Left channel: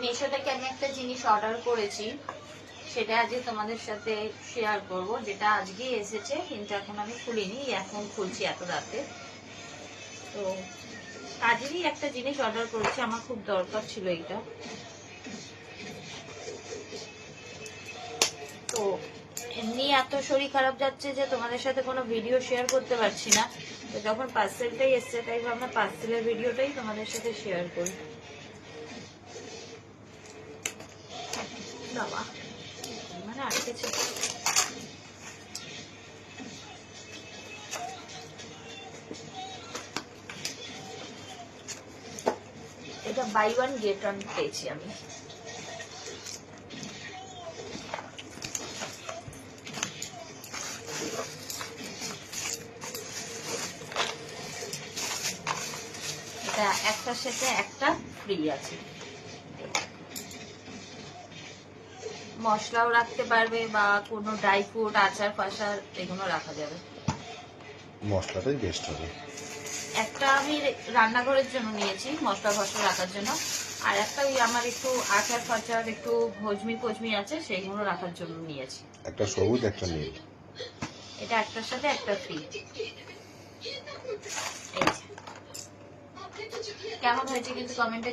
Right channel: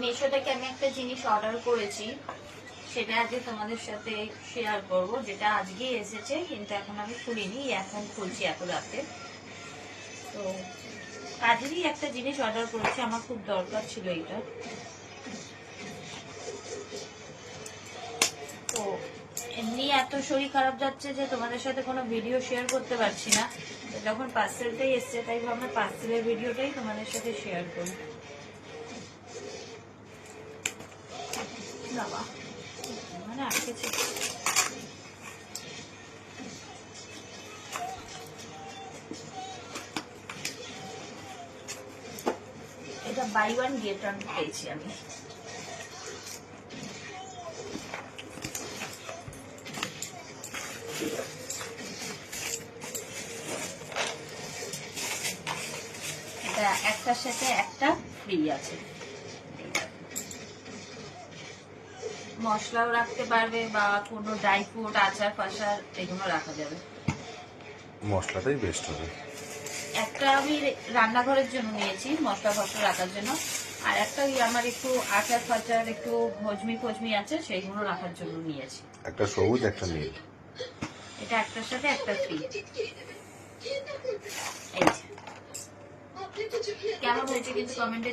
মিশো থেকে আমি একটা জিনিস অর্ডার করেছি, সেটা আজকে তোমাদের সাথে শেয়ার করব। যেটা আজকে এসেছে কিন্তু এখন আমি খুলিনি, এখন খুলছি এত রাতে। তো কাজেরই একটা জিনিস অর্ডার করেছি, আমার খুব দরকার ছিল এটা। তো এমনি এত শরীর খারাপ যাচ্ছে যে তোমাদের সাথে কোনো ভিডিও শেয়ার করতে পারছি না। তো যখন পার্সেলটাই এসছে তাই ভাবলাম পার্সেলের ভিডিওটাই তোমাদের সাথে শেয়ার করি। বাবা মানে আসতেছে। এটা বাই ওয়ান গেট ওয়ান পেয়েছি আমি। এটা একটার সাথে একটা ফ্রি আছে। মশলাও রাখতে পারবে বা কোনো ড্রাই ফ্রুট, আচার ফাচার এগুলো রাখা যাবে। মশলাটাই বেস্ট হবে। একটা আমি রান্নাঘরের জন্য নিয়েছি, মশলা ফসলা রাখার জন্য, আর একটা ওই আমার একটু আচার ফাচার একটু ভজমি ফজমি আছে সেইগুলো রাখার জন্য নিয়েছি। একটা সবুজ একটা নীল। এটা একটার সাথে একটা ফ্রি। কেমন হয়েছে কিন্তু কমেন্টে